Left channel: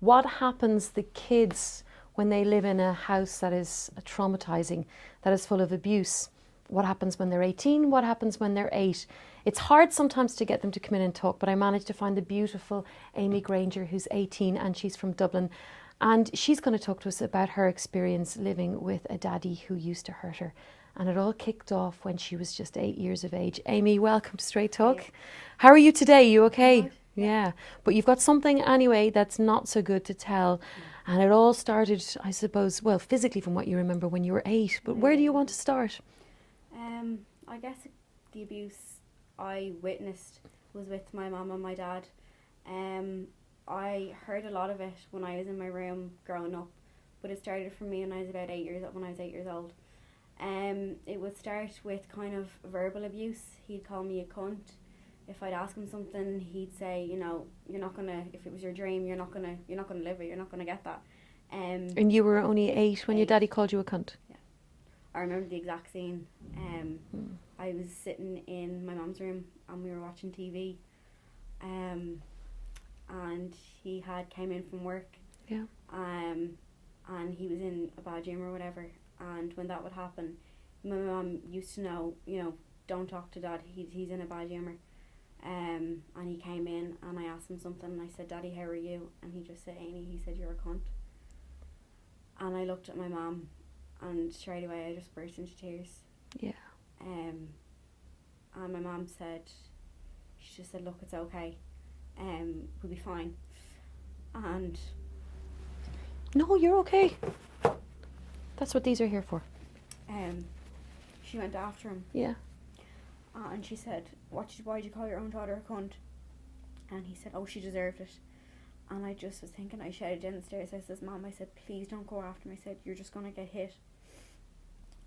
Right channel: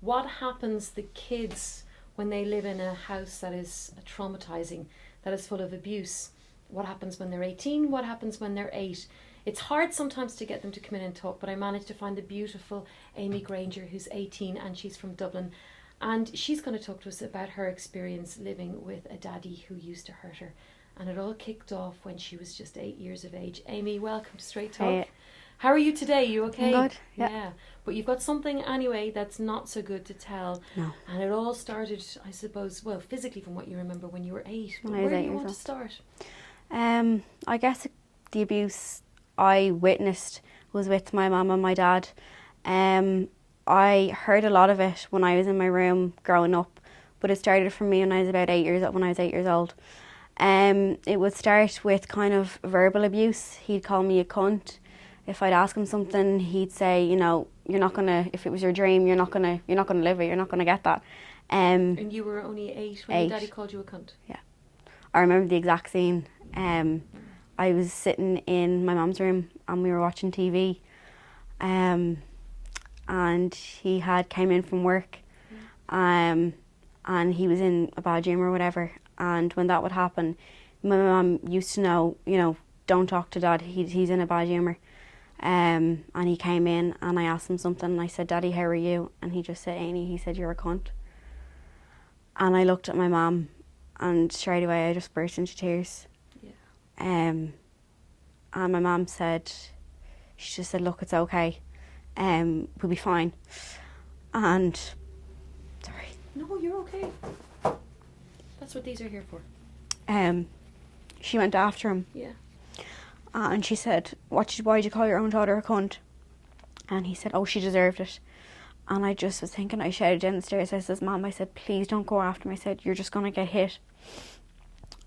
What happens to kids when they live in a house that is traumatizing, that is full of abuse? What happens when they're 18? What happens when they're 8? It's hard sometimes to get them to come in and talk, but I managed to find the beautiful Amy Granger, who's 18 and she's from Dublin. And she's going to talk to us about her experience living with a daddy who used to hurt her. And it all kicked off when she was just 8 years of age. Amy, welcome to Straight Talk. Hey. How are you today? You okay? Good, yeah. But you've got something anyway that's not so good to tell. No. And it all started, I suppose, well, physically from what you remember when you were 8. But where do you want to start? I guess the abuse I witnessed was with my mum and my dad. I heard a lot of it when I was in my room growing up, but it started for me when I was about 8 years old. It would start with kind of verbal abuse. He'd call me a cunt. If I'd ask him something, he'd say, you know, you're not gonna. If it was your dream, you're not gonna live it. You're not gonna get that. And you were only 8 when your 8. daddy called you a cunt. Yeah, I remember the exact scene. I was sitting in my mum's room and we were watching TV, and he had came in from work, and he was in a bad dream or whatever. And when that would happen, my mum used to know, you know, don't talk to dad. He's in a bad humour. And he came in and I asked him something and I said, Daddy, how are you? And he just said, Ainie, he said, you're a cunt. And I looked at my mum and straight away I just burst into tears. Yeah. And my mum said, she just said, look, it's okay. We'll be fine. And, sorry. No, you're okay. That's what these are here for. She went after him. Yeah. And she said, why'd you call your own daughter a cunt? And he said, oh, she deserved it. And I just was thinking, I shouted down the stairs, I said, Mum, I said, please don't go after me. I said, you're just going to get hit.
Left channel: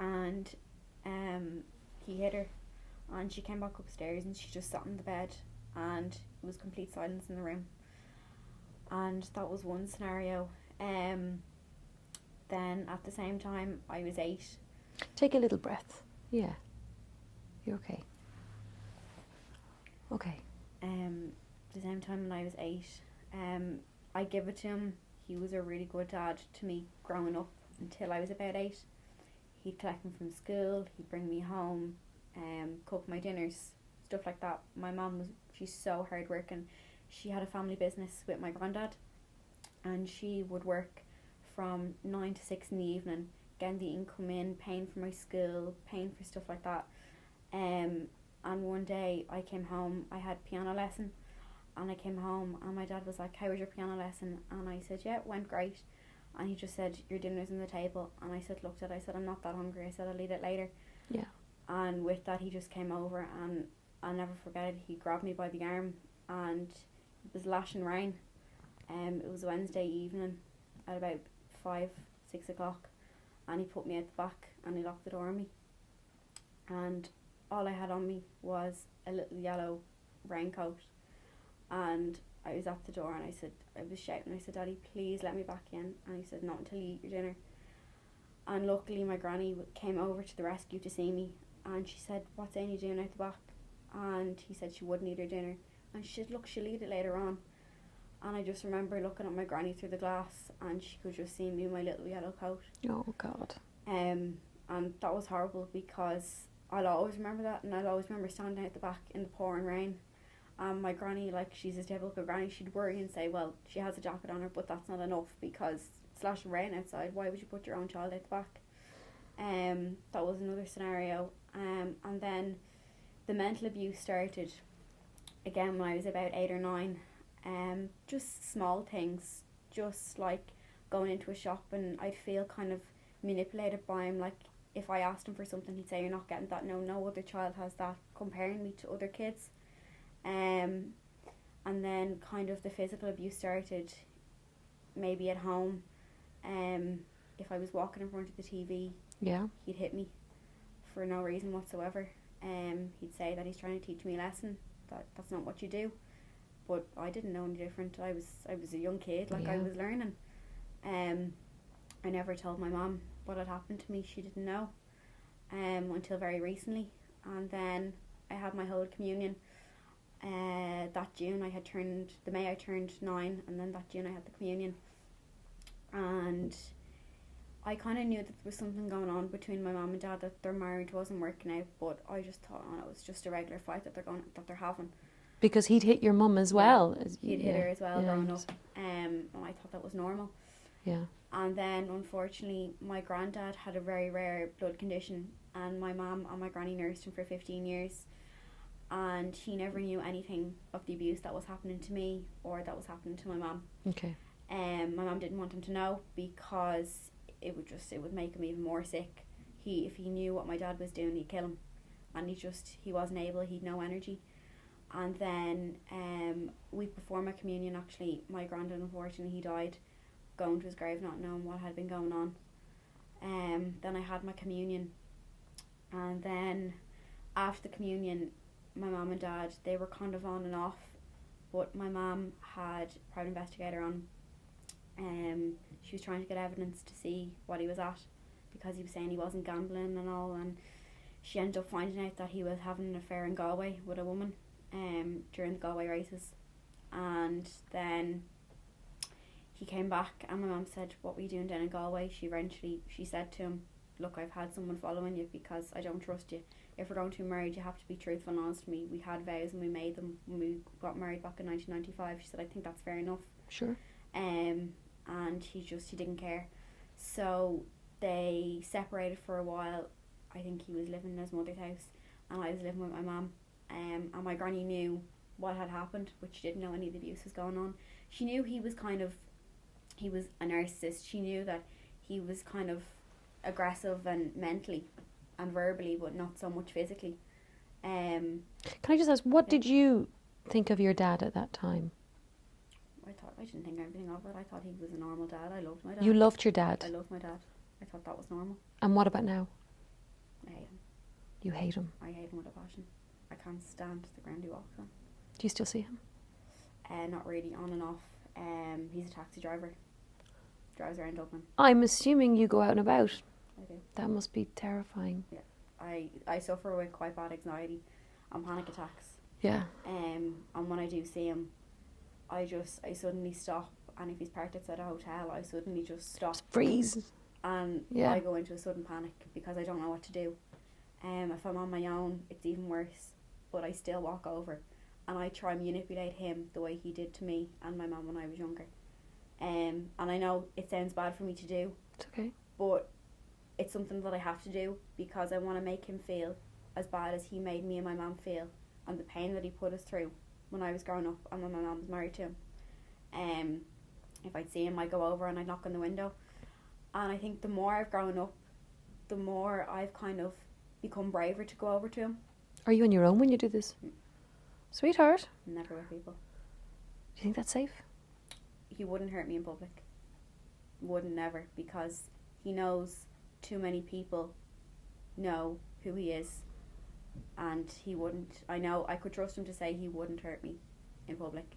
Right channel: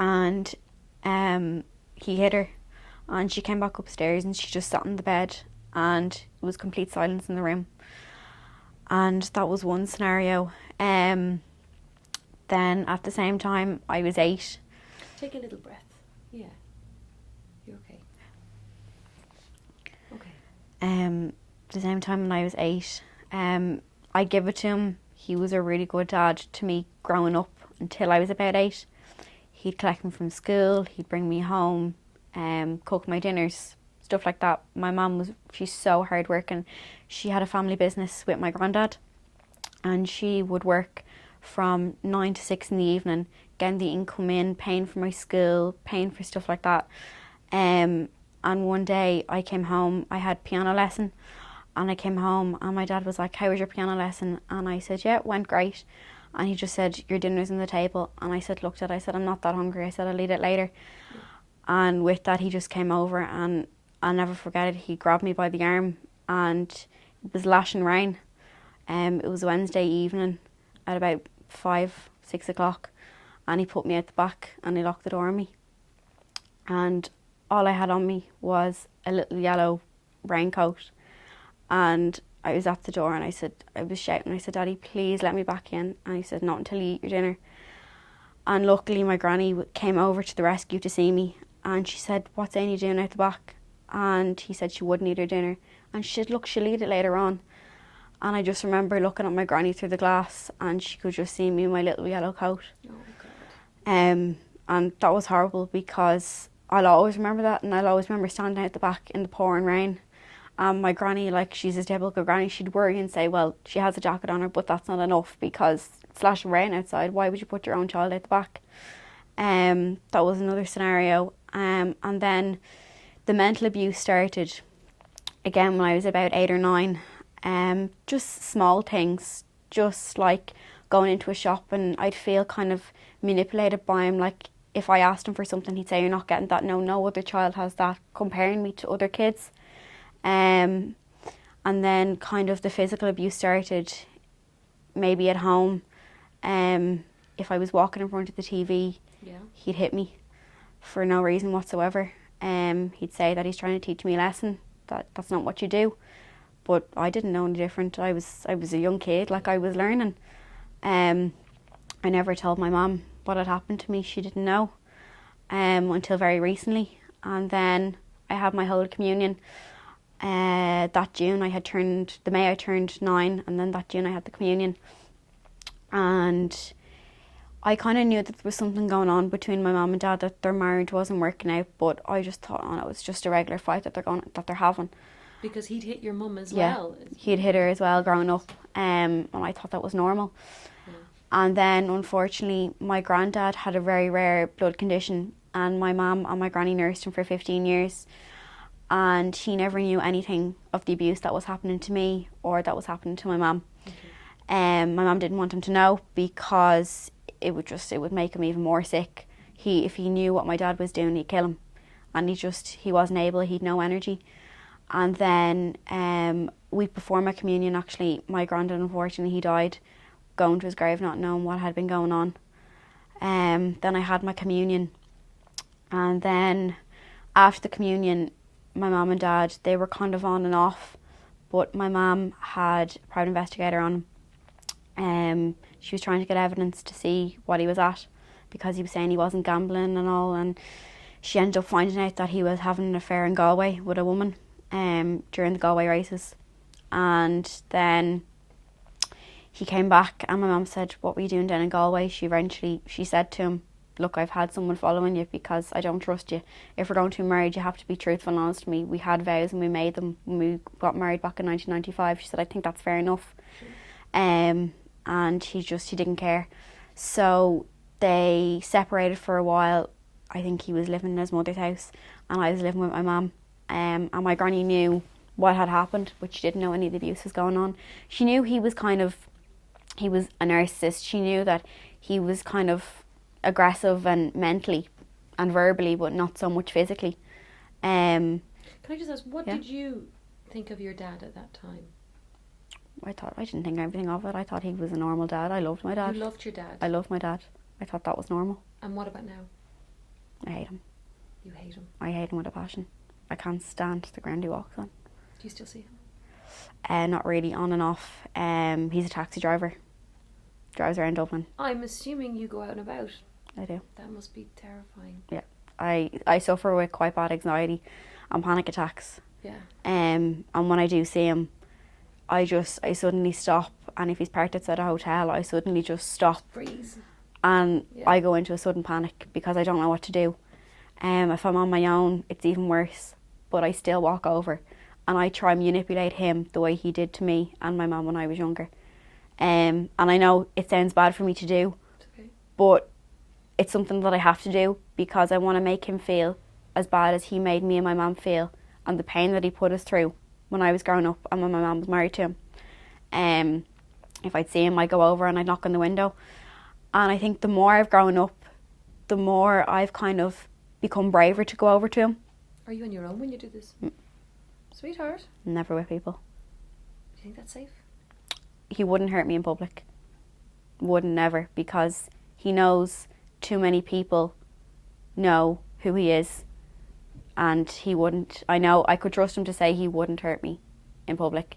And he hit her. And she came back upstairs and she just sat on the bed and it was complete silence in the room. And that was one scenario. Then at the same time, I was 8. Take a little breath. Yeah. You're okay. Okay. The same time when I was 8, I give it to him. He was a really good dad to me growing up until I was about 8. He'd collect me from school, he'd bring me home, cook my dinners, stuff like that. My mum she's so hard working. She had a family business with my granddad and she would work from 9 to 6 in the evening, getting the income in, paying for my school, paying for stuff like that. And one day I came home, I had piano lesson, and I came home and my dad was like, how was your piano lesson? And I said, yeah, it went great. And he just said, your dinner's on the table. And I said, look, Dad, I said, I'm not that hungry. I said, I'll eat it later. Yeah. And with that, he just came over and I'll never forget it. He grabbed me by the arm and it was lashing rain. It was Wednesday evening at about 5, 6 o'clock. And he put me out the back and he locked the door on me. And all I had on me was a little yellow raincoat. And I was at the door and I was shouting, I said, Daddy, please let me back in. And he said, not until you eat your dinner. And luckily my granny came over to the rescue to see me. And she said, what's Ainie doing out the back? And he said she wouldn't eat her dinner. And she said, look, she'll eat it later on. And I just remember looking at my granny through the glass and she could just see me in my little yellow coat. Oh, God. And that was horrible because I'll always remember that, and I'll always remember standing out the back in the pouring rain. My granny, like, she's a typical granny, she'd worry and say, well, she has a jacket on her, but that's not enough because it's slashing rain outside. Why would you put your own child out the back? That was another scenario. And then the mental abuse started again when I was about 8 or 9. Just small things, just like going into a shop and I'd feel kind of manipulated by him. Like if I asked him for something, he'd say, you're not getting that. No other child has that, comparing me to other kids. And then kind of the physical abuse started maybe at home. If I was walking in front of the TV, he'd hit me for no reason whatsoever. He'd say that he's trying to teach me a lesson, that's not what you do. But I didn't know any different. I was a young kid, like I was learning. I never told my mum what had happened to me. She didn't know. until very recently. And then I had my Holy Communion. That June the May I turned 9, and then that June I had the communion. And I kind of knew that there was something going on between my mum and dad, that their marriage wasn't working out, but I just thought, oh, it was just a regular fight that they're having. Because he'd hit your mum as well. He'd hit her as well growing up, and I thought that was normal. Yeah. And then, unfortunately, my granddad had a very rare blood condition, and my mum and my granny nursed him for 15 years, and he never knew anything of the abuse that was happening to me or that was happening to my mum. Okay. My mum didn't want him to know, because it would make him even more sick. If he knew what my dad was doing, he'd kill him, and he wasn't able. He'd no energy. And then week before my communion, actually, my granddad, unfortunately, he died, going to his grave not knowing what had been going on. Then I had my communion, and then after the communion, my mum and dad, they were kind of on and off, but my mum had a private investigator on him. She was trying to get evidence to see what he was at, because he was saying he wasn't gambling and all, and she ended up finding out that he was having an affair in Galway with a woman during the Galway races. And then he came back, and my mum said, what were you doing down in Galway? She said to him, look, I've had someone following you because I don't trust you. If we're going to be married, you have to be truthful and honest with me. We had vows and we made them when we got married back in 1995. She said, I think that's fair enough. Sure. And he didn't care. So they separated for a while. I think he was living in his mother's house and I was living with my mum. And my granny knew what had happened, but she didn't know any of the abuse was going on. She knew he was a narcissist. She knew that he was kind of aggressive and mentally and verbally, but not so much physically. Can I just ask, what did you think of your dad at that time? I didn't think anything of it. I thought he was a normal dad. I loved my dad. You loved your dad? I loved my dad. I thought that was normal. And what about now? I hate him. You hate him? I hate him with a passion. I can't stand the ground he walks on. Do you still see him? Not really, on and off. He's a taxi driver. Drives around Dublin. I'm assuming you go out and about. I do. That must be terrifying. Yeah. I suffer with quite bad anxiety and panic attacks. Yeah. And when I do see him, I suddenly stop, and if he's parked outside a hotel, I suddenly just stop. Freeze. And I go into a sudden panic because I don't know what to do. If I'm on my own, it's even worse. But I still walk over and I try and manipulate him the way he did to me and my mum when I was younger. And I know it sounds bad for me to do, It's okay. but it's something that I have to do because I want to make him feel as bad as he made me and my mum feel, and the pain that he put us through when I was growing up and when my mum was married to him. If I'd see him, I'd go over and I'd knock on the window. And I think the more I've grown up, the more I've kind of become braver to go over to him. Are you on your own when you do this? Sweetheart. Never with people. Do you think that's safe? He wouldn't hurt me in public. Wouldn't, never, because he knows too many people know who he is, and he wouldn't. I know I could trust him to say he wouldn't hurt me in public,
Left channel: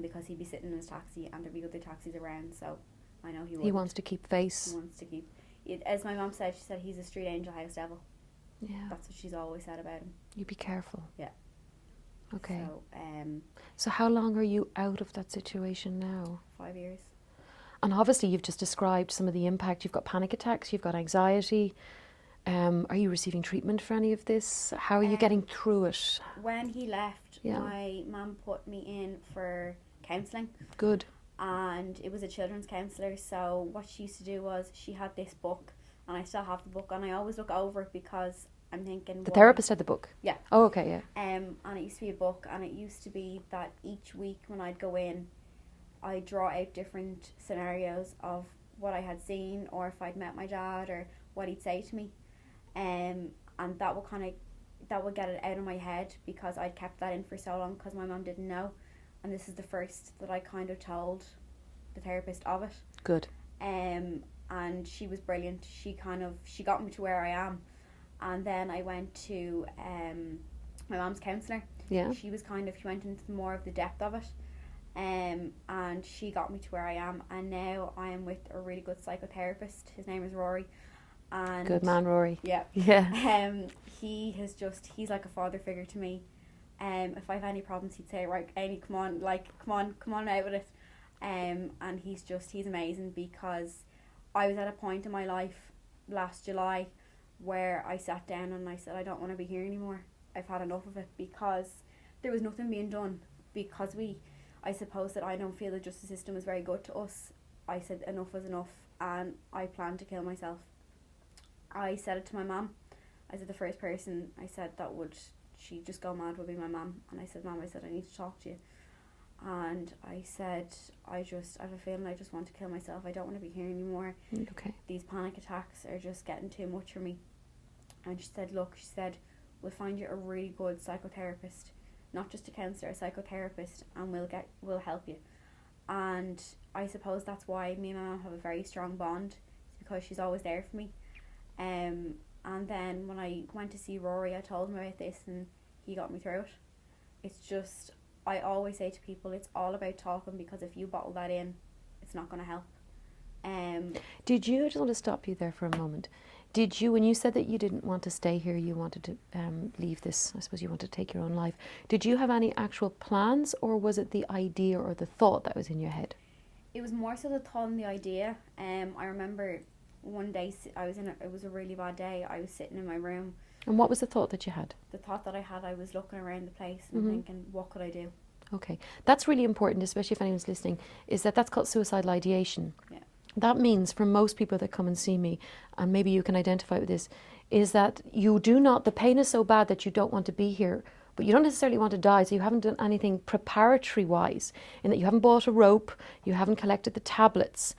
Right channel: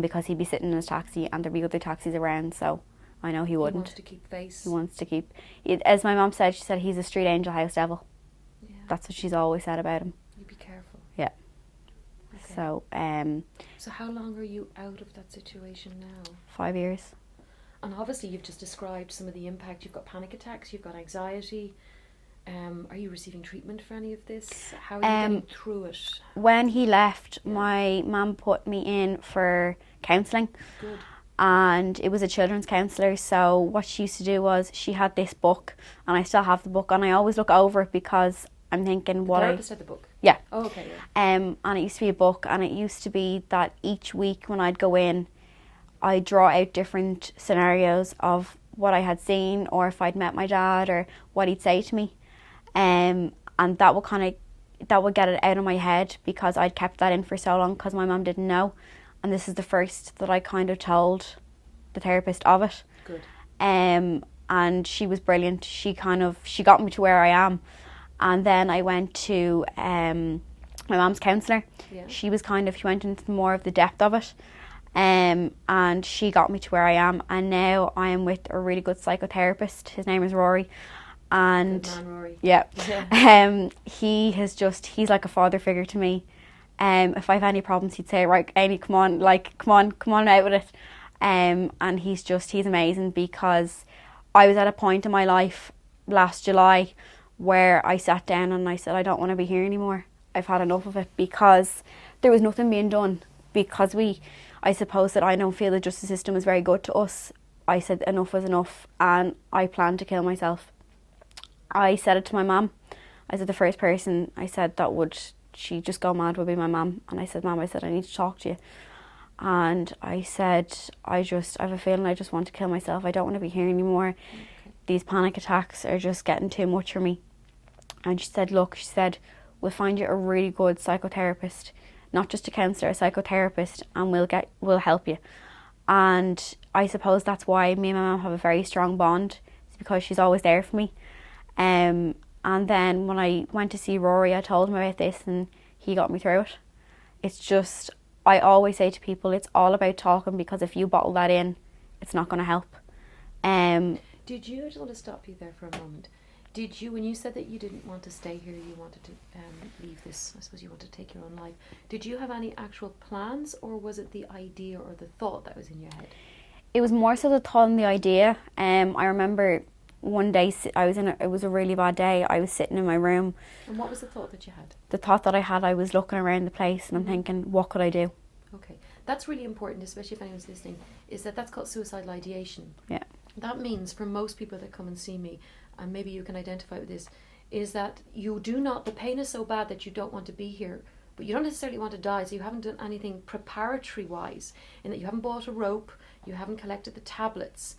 because he'd be sitting in his taxi and there'd be other taxis around, so I know he wouldn't. He wants to keep face. He wants to keep, as my mum said, she said he's a street angel, house devil. Yeah. That's what she's always said about him. You be careful. Yeah. Okay. So how long are you out of that situation now? 5 years. And obviously you've just described some of the impact. You've got panic attacks, you've got anxiety. Are you receiving treatment for any of this? How are you getting through it? When he left, my mum put me in for counselling. Good. And it was a children's counsellor, so what she used to do was she had this book, and I still have the book, and I always look over it because I'm thinking, The why? therapist had the book? Yeah. Oh, okay, yeah. And it used to be a book, and it used to be that each week when I'd go in, I'd draw out different scenarios of what I had seen, or if I'd met my dad, or what he'd say to me. And that would get it out of my head because I'd kept that in for so long because my mum didn't know. And this is the first that I kind of told the therapist of it. Good. And she was brilliant. She got me to where I am. And then I went to my mum's counsellor. Yeah. She went into more of the depth of it. And she got me to where I am. And now I am with a really good psychotherapist. His name is Rory. And good man, Rory. Yeah. Yeah. He's like a father figure to me. If I have any problems, he'd say, right, Ainie, come on out with it. And he's amazing, because I was at a point in my life last July where I sat down and I said, I don't want to be here anymore. I've had enough of it, because there was nothing being done. Because I suppose that I don't feel the justice system is very good to us. I said enough was enough, and I planned to kill myself. I said it to my mum. I said the first person I said that would she just go mad would be my mum. And I said, Mum, I need to talk to you. And I said, I have a feeling I just want to kill myself. I don't want to be here anymore. Okay. These panic attacks are just getting too much for me. And she said, look, we'll find you a really good psychotherapist, not just a counsellor, a psychotherapist, and we'll help you. And I suppose that's why me and my mum have a very strong bond. It's because she's always there for me. And then when I went to see Rory, I told him about this, and he got me through it. It's just, I always say to people, it's all about talking, because if you bottle that in, it's not going to help. Did you, I just want to stop you there for a moment. Did you, when you said that you didn't want to stay here, you wanted to leave this, I suppose you wanted to take your own life, did you have any actual plans, or was it the idea or the thought that was in your head? It was more so the thought and the idea. I remember one day it was a really bad day. I was sitting in my room. And what was the thought that you had? The thought that I had, I was looking around the place and I'm thinking, what could I do? Okay, that's really important, especially if anyone's listening, is that's called suicidal ideation. Yeah. That means, for most people that come and see me, and maybe you can identify with this, is that the pain is so bad that you don't want to be here, but you don't necessarily want to die, so you haven't done anything preparatory-wise, in that you haven't bought a rope, you haven't collected the tablets,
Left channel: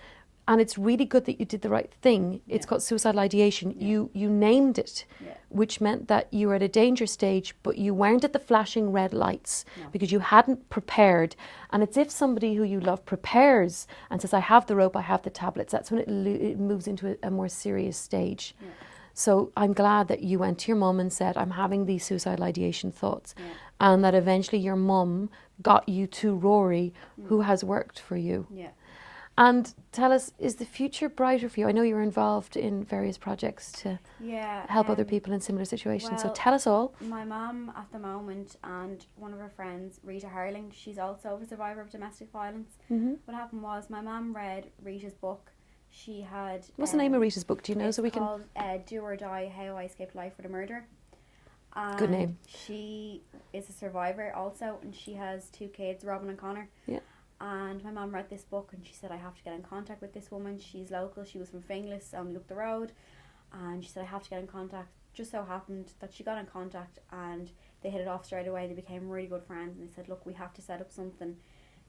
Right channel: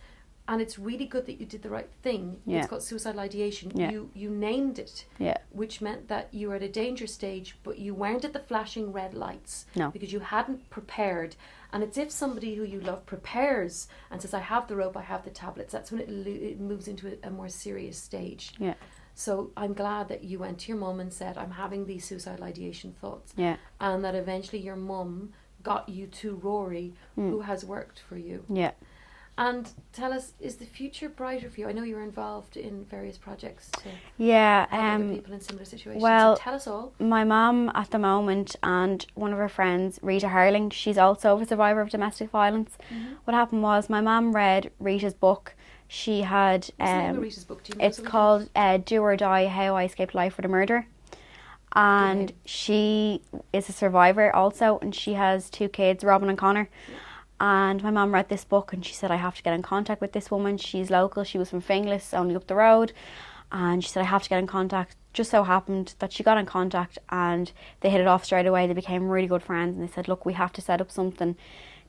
and it's really good that you did the right thing. Yeah. It's called suicidal ideation. Yeah. You named it, which meant that you were at a danger stage, but you weren't at the flashing red lights, because you hadn't prepared. And it's if somebody who you love prepares and says, I have the rope, I have the tablets, that's when it moves into a more serious stage. Yeah. So I'm glad that you went to your mum and said, I'm having these suicidal ideation thoughts. Yeah. And that eventually your mum got you to Rory, who has worked for you. Yeah. And tell us, is the future brighter for you? I know you're involved in various projects to help other people in similar situations. Well, so tell us all. My mum at the moment, and one of her friends, Rita Harling, she's also a survivor of domestic violence. Mm-hmm. What happened was my mum read Rita's book. She had... What's the name of Rita's book? Do you know? It's called Do or Die, How I Escaped Life with a Murder. And she is a survivor also, and she has 2 kids, Robin and Connor. Yeah. And my mum read this book and she said, I have to get in contact with this woman. She's local. She was from Finglas, only up the road. And she said, I have to get in contact. Just so happened that she got in contact and they hit it off straight away. They became really good friends. And they said, look, we have to set up something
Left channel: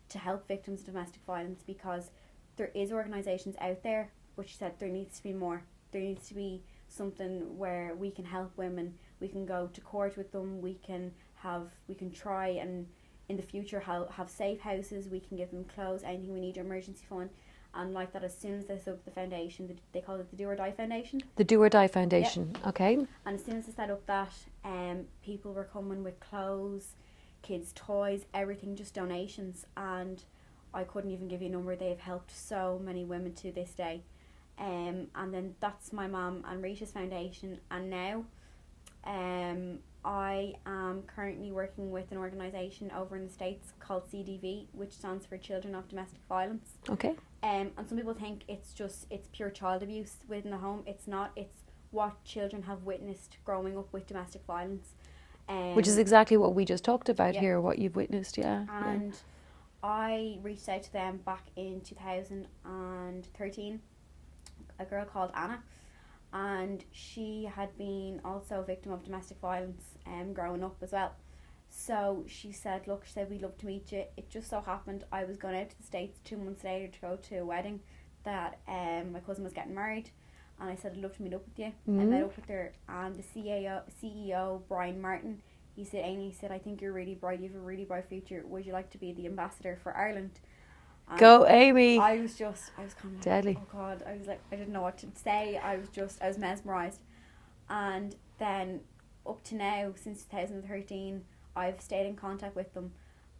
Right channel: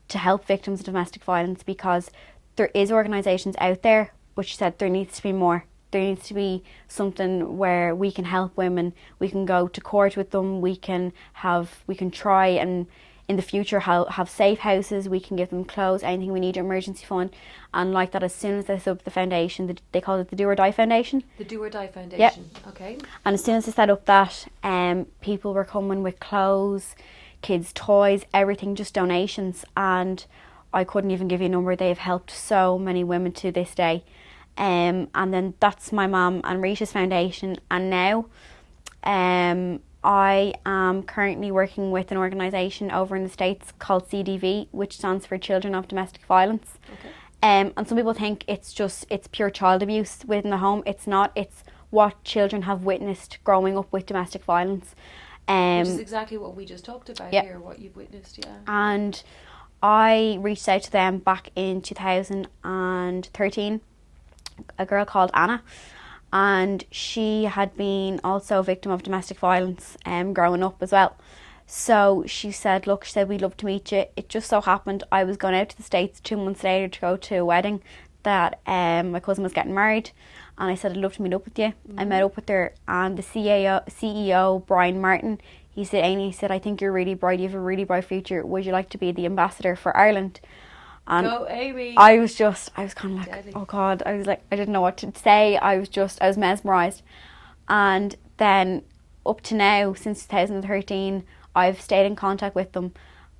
to help victims of domestic violence, because there is organisations out there, but she said there needs to be more. There needs to be something where we can help women. We can go to court with them. We can try and in the future have safe houses. We can give them clothes, anything we need, emergency fund. And like that, as soon as they set up the foundation, they call it the Do or Die Foundation. The Do or Die Foundation, okay. And as soon as they set up that, people were coming with clothes, kids' toys, everything, just donations. And I couldn't even give you a number. They've helped so many women to this day. And then that's my mum and Rita's foundation. And now I am currently working with an organisation over in the States called CDV, which stands for Children of Domestic Violence. Okay. And some people think it's pure child abuse within the home. It's not. It's what children have witnessed growing up with domestic violence. Which is exactly what we just talked about here, what you've witnessed, And I reached out to them back in 2013, a girl called Anna. And she had been also a victim of domestic violence growing up as well. So she said, look, we'd love to meet you. It just so happened I was going out to the States 2 months later to go to a wedding that my cousin was getting married. And I said, I'd love to meet up with you. Mm-hmm. I met up with her, and the CEO, Brian Martin, he said, Ainie, I think you're really bright. You have a really bright future. Would you like to be the ambassador for Ireland? And go, Amy. I was kind of like, deadly. Oh God. I was like, I didn't know what to say. I was mesmerised. And then up to now, since 2013, I've stayed in contact with them.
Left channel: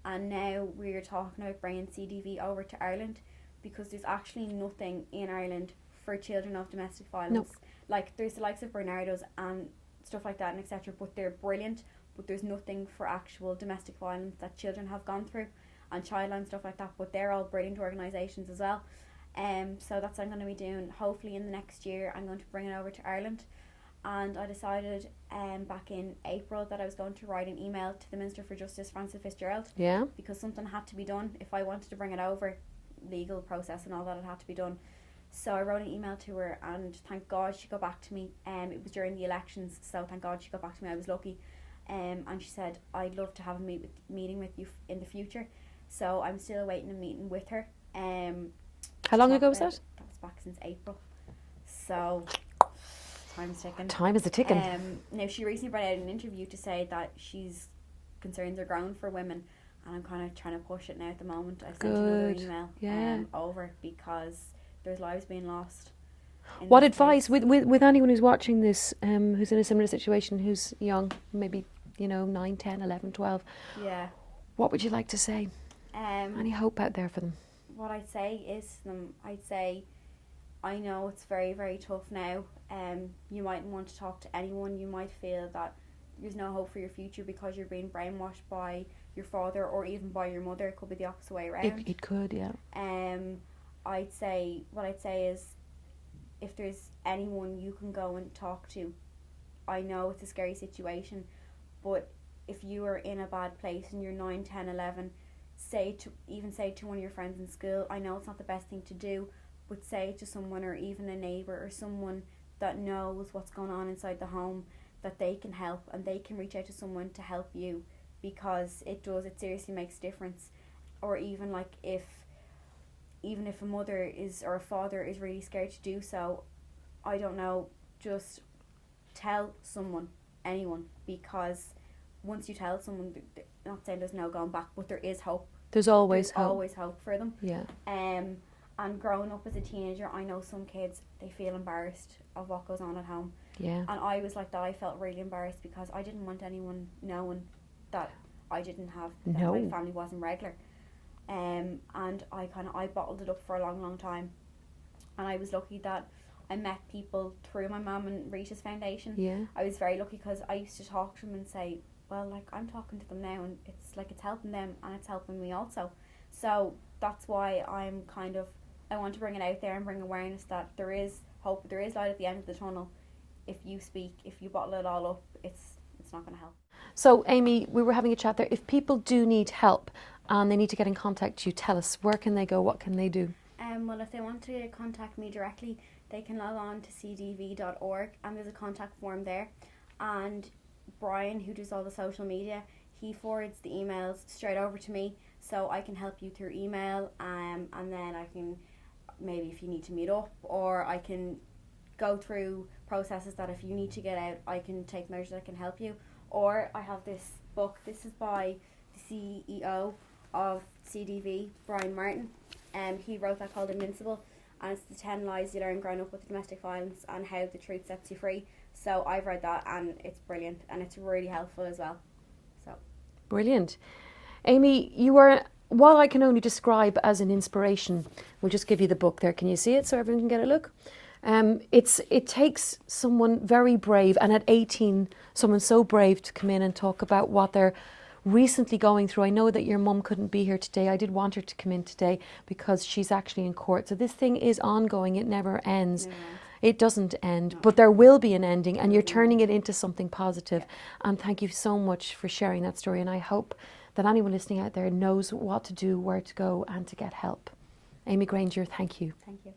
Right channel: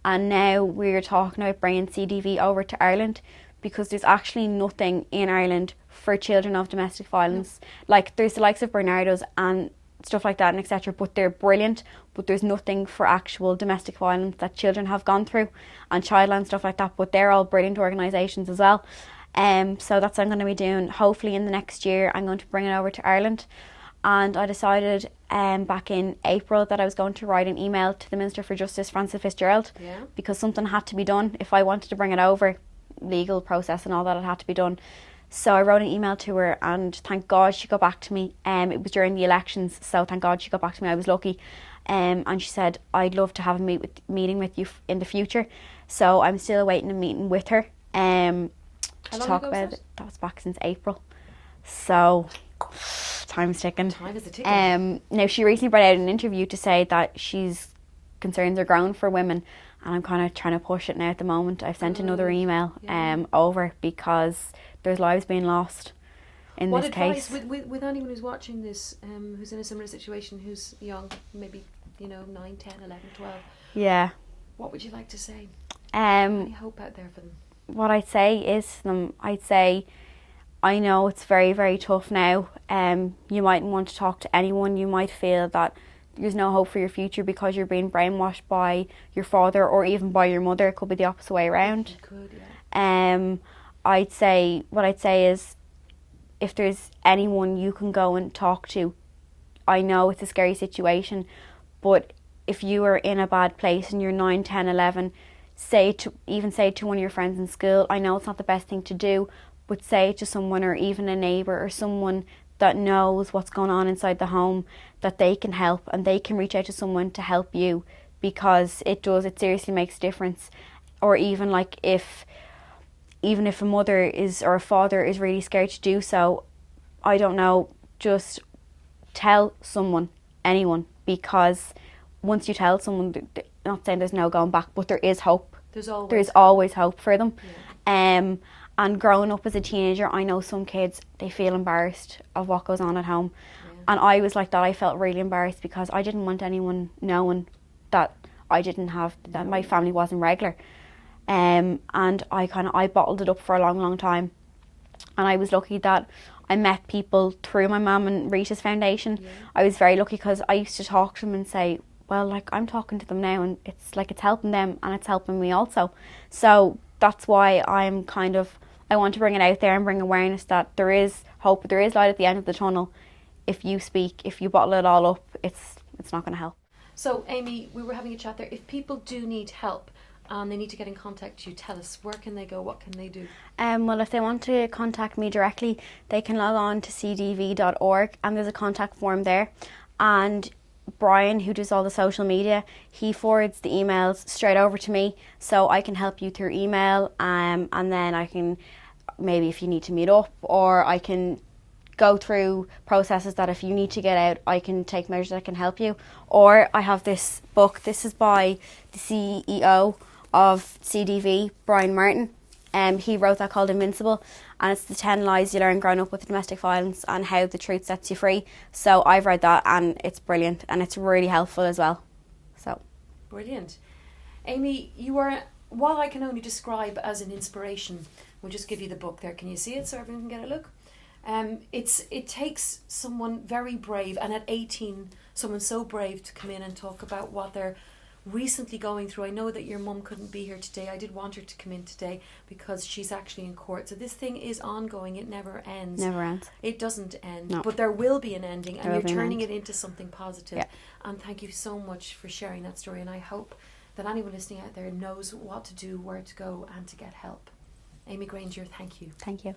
And now we're talking about bringing CDV over to Ireland, because there's actually nothing in Ireland for children of domestic violence. Like there's the likes of Bernardo's and stuff like that and etc., but they're brilliant, but there's nothing for actual domestic violence that children have gone through, and Childline, stuff like that, but they're all brilliant organisations as well. So that's what I'm going to be doing. Hopefully in the next year I'm going to bring it over to Ireland, and I decided back in April that I was going to write an email to the Minister for Justice, Frances Fitzgerald, because something had to be done if I wanted to bring it over, legal process and all that, it had to be done. So I wrote an email to her, and thank God she got back to me. It was during the elections, so thank God she got back to me. I was lucky. And she said, I'd love to have a meeting with you in the future. So I'm still awaiting a meeting with her. How long ago was that? That was back since April. So time's ticking. Time is a ticking. Now, she recently brought out an interview to say that she's concerns are growing for women, and I'm kind of trying to push it now at the moment. I've sent another email over, because there's lives being lost in what this advice case. with anyone who's watching this, who's in a similar situation, who's young, maybe 9, 10, 11, 12, what would you like to say? Any hope out there for them? What I'd say is to them, I know it's very, very tough now. You mightn't want to talk to anyone. You might feel that there's no hope for your future because you're being brainwashed by your father or even by your mother. It could be the opposite way around. It could, yeah. What I'd say is, if there's anyone you can go and talk to, I know it's a scary situation, but if you are in a bad place and you're 9, 10, 11, say to one of your friends in school. I know it's not the best thing to do, but say it to someone, or even a neighbour or someone that knows what's going on inside the home, that they can help, and they can reach out to someone to help you, because it seriously makes a difference. Or even like if a mother is or a father is really scared to do so, I don't know, just tell someone, anyone, because once you tell someone, not saying there's no going back, but there is hope. There's always hope for them. Yeah. And growing up as a teenager, I know some kids, they feel embarrassed of what goes on at home. Yeah. And I was like that. I felt really embarrassed because I didn't want anyone knowing that I didn't have, that my family wasn't regular. And I bottled it up for a long, long time. And I was lucky that I met people through my mum and Rita's foundation. Yeah. I was very lucky because I used to talk to them and say, well, like, I'm talking to them now, and it's like it's helping them and it's helping me also. So that's why I want to bring it out there and bring awareness that there is hope, there is light at the end of the tunnel. If you speak, if you bottle it all up, it's not going to help. So, Amy, we were having a chat there. If people do need help and they need to get in contact with you, tell us, where can they go? What can they do? Well, if they want to contact me directly, they can log on to cdv.org, and there's a contact form there. And Brian, who does all the social media, he forwards the emails straight over to me, so I can help you through email, and then I can, maybe if you need to meet up, or I can go through processes that if you need to get out, I can take measures that can help you. Or I have this book. This is by the CEO of CDV, Brian Martin. He wrote that, called Invincible, and it's the 10 lies you learn growing up with domestic violence and how the truth sets you free. So I've read that, and it's brilliant, and it's really helpful as well. So brilliant. Amy, you are what I can only describe as an inspiration. We'll just give you the book there. Can you see it so everyone can get a look? It takes someone very brave, and at 18, someone so brave to come in and talk about what they're recently going through. I know that your mum couldn't be here today. I did want her to come in today because she's actually in court. So this thing is ongoing. It never ends. Never ends. It doesn't end. No. But there will be an ending, and There you're will be an turning end. it into something positive. Yeah. And thank you so much for sharing that story. And I hope that anyone listening out there knows what to do, where to go, and to get help. Amy Granger, thank you. Thank you.